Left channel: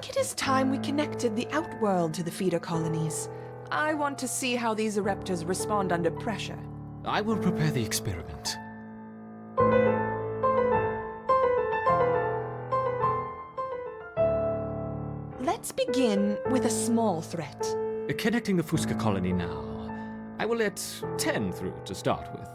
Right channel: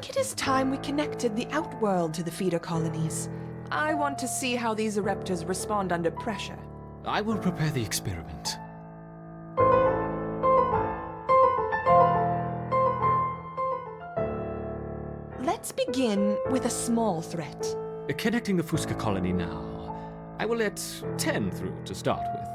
think it is time we connected the outworld to the feeder colonies. I want to see how these ereptors respond under pressure. I will prepare the experiment. Let's begin with a small threat. Connecting the Fusca colony now. I will let 10 through to start with.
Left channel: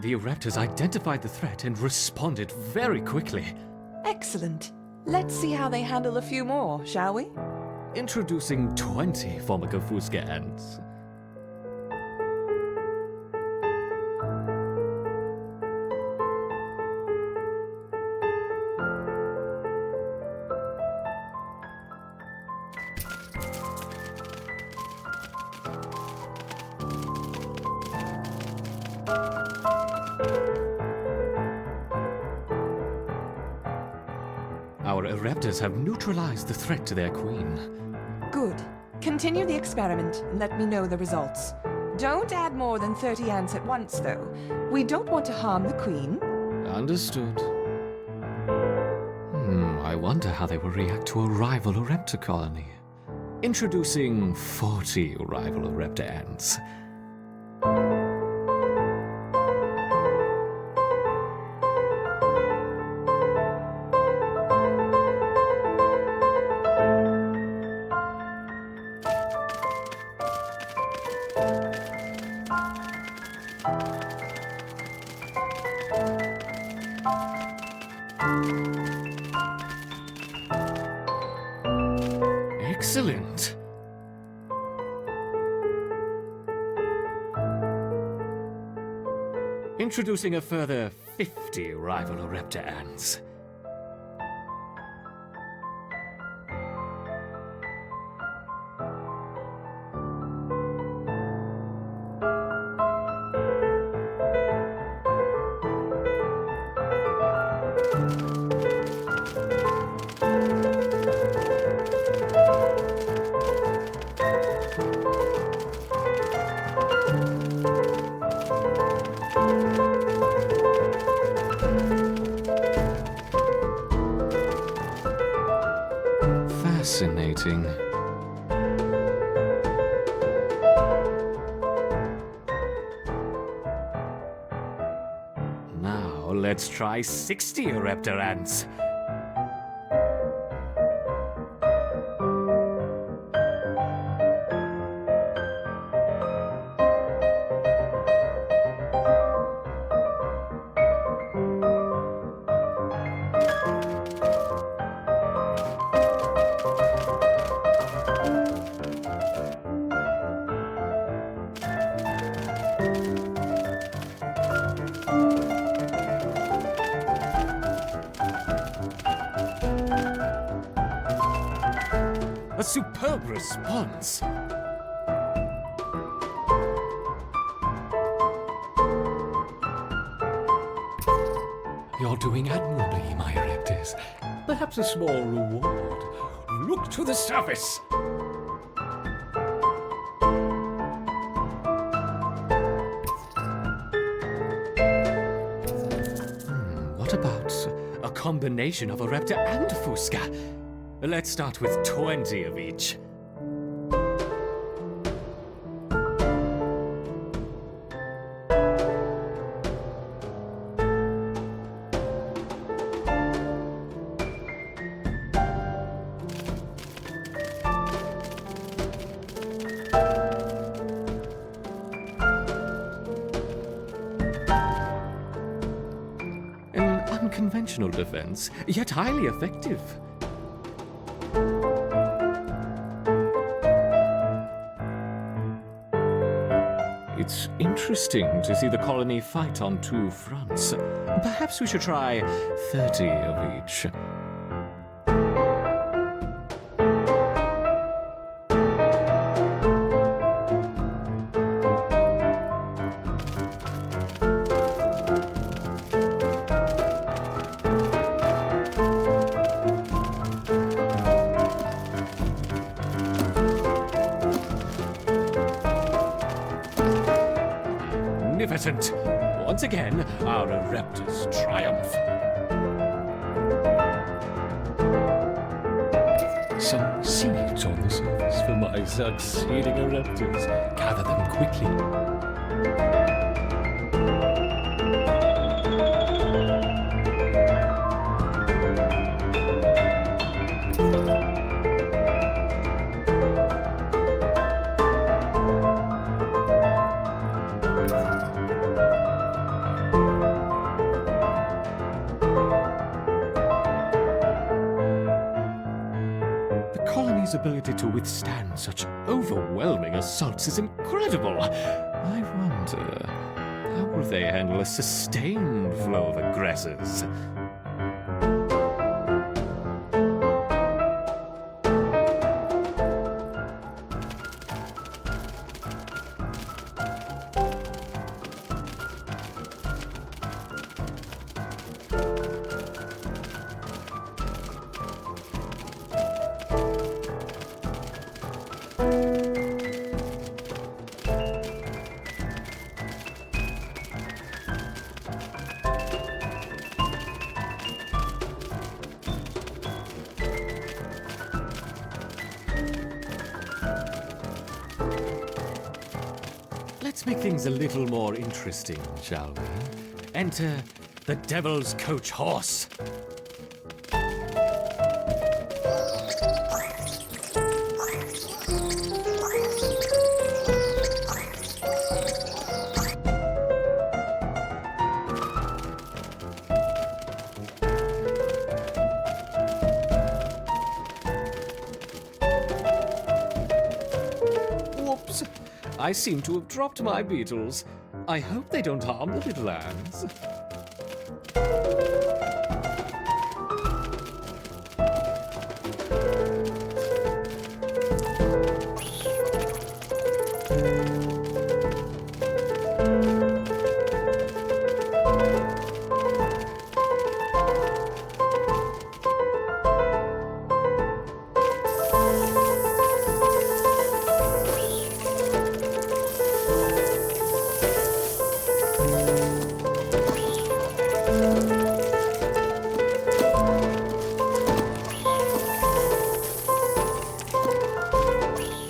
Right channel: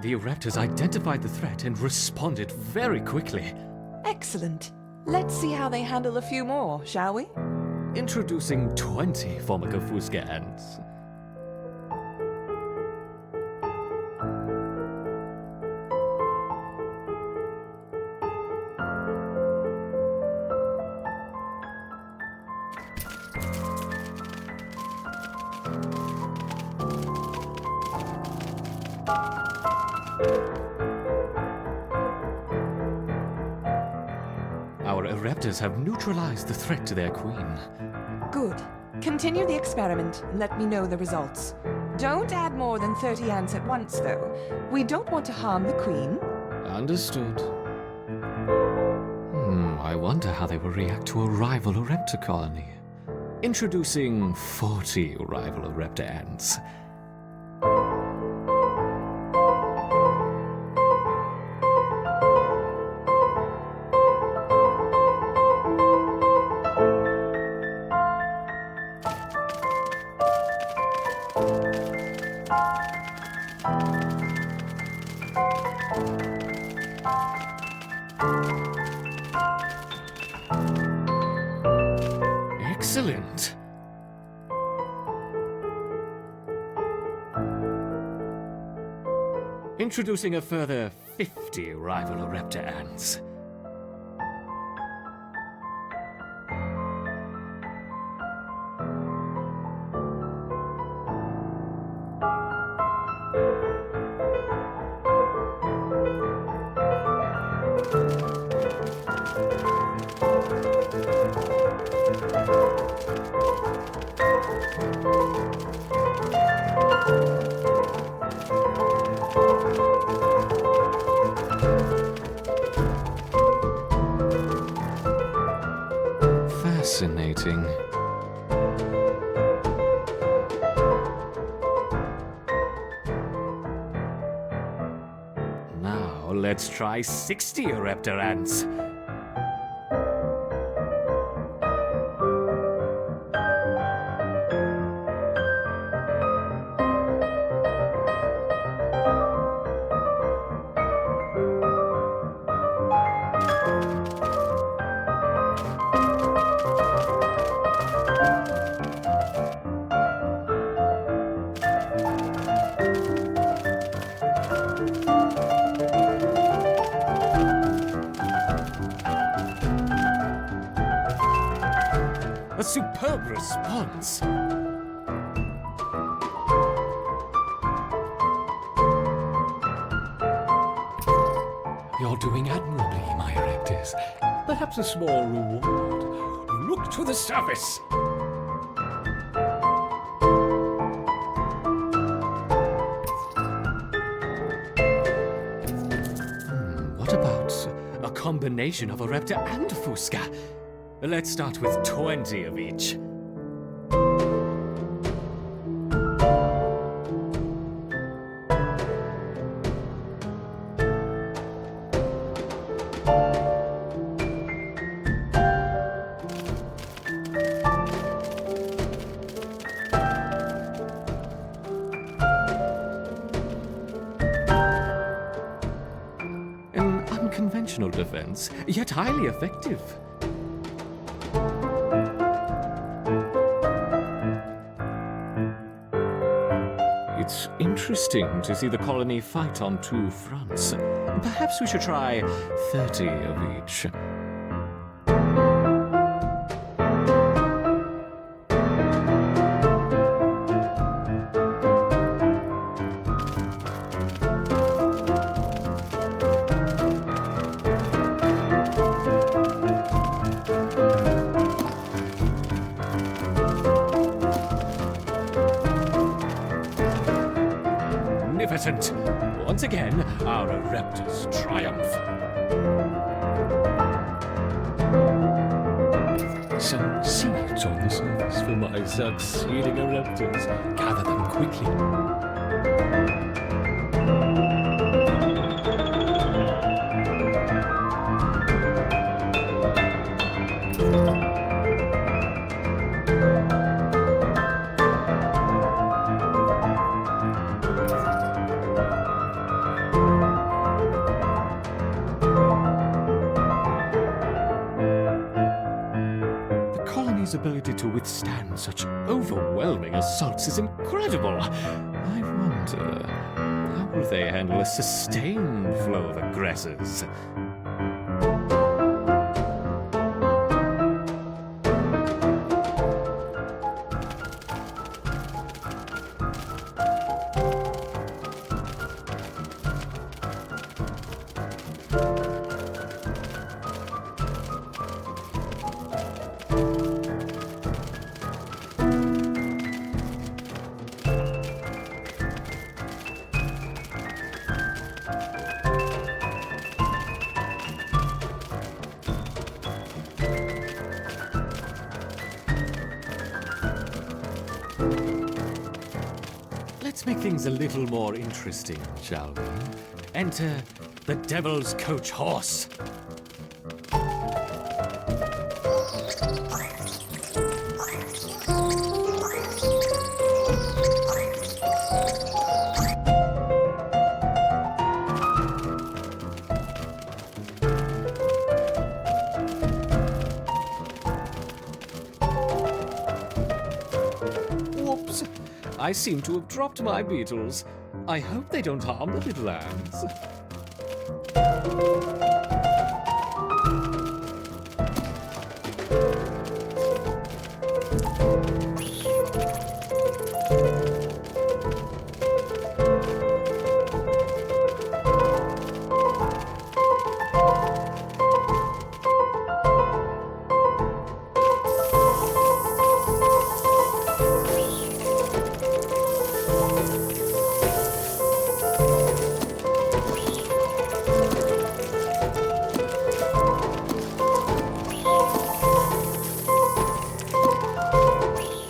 The ereptors identified the threat and responded very quickly. Excellent. Let's see how they handle a few more, shall we? Introducing 20 Fusca ants. Our ereptors have neutralized the threat to their queen. Good. Continue the experiment and let me know the results. Don't add more than 30 ants at once, though. We don't want to harm the queen. Understood. I wonder how they will react to a rival ereptor colony. Introducing 40 rival ereptor ants. Excellent! Introducing a further 50 rival ereptor ants. Fascinating. Now let's try 60 ereptor ants. A superb response! You're doing admirably, my ereptors. Perhaps a small reward. Look to the surface! What about a combination of ereptor and Fusca? Let's start with 20 of each. An unconventional defense, yet highly effective. It's interesting to see the colony fight on two fronts. Perhaps we should try 30 of each. magnificent! Once again, our ereptors triumph. Some seeds on the surface for my succeeding ereptors. Gather them quickly. The colony's ability to withstand such overwhelming assaults is incredible. I wonder, how will they handle a sustained flow of aggressors? Let's make things a little more interesting, shall we? Enter the Devil's Coach Horse. Whoops! I seem to have dropped my beetles. I hope they don't harm the little ants.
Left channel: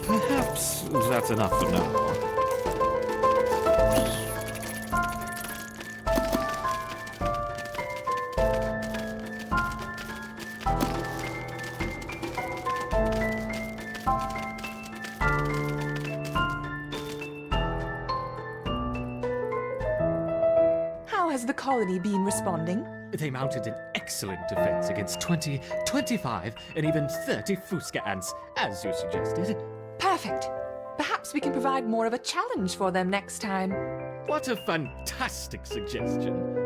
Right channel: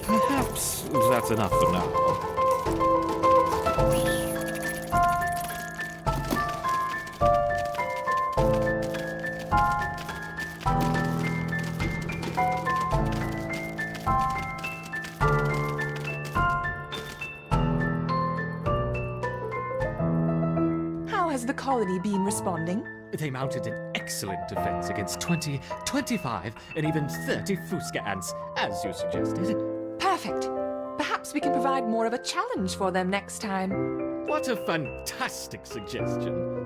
Perhaps that's enough for now. How has the colony been responding? They mounted an excellent defense against 20, 25, and even 30 Fusca ants, as you suggested. Perfect. Perhaps we can provide more of a challenge for them next time. What a fantastic suggestion.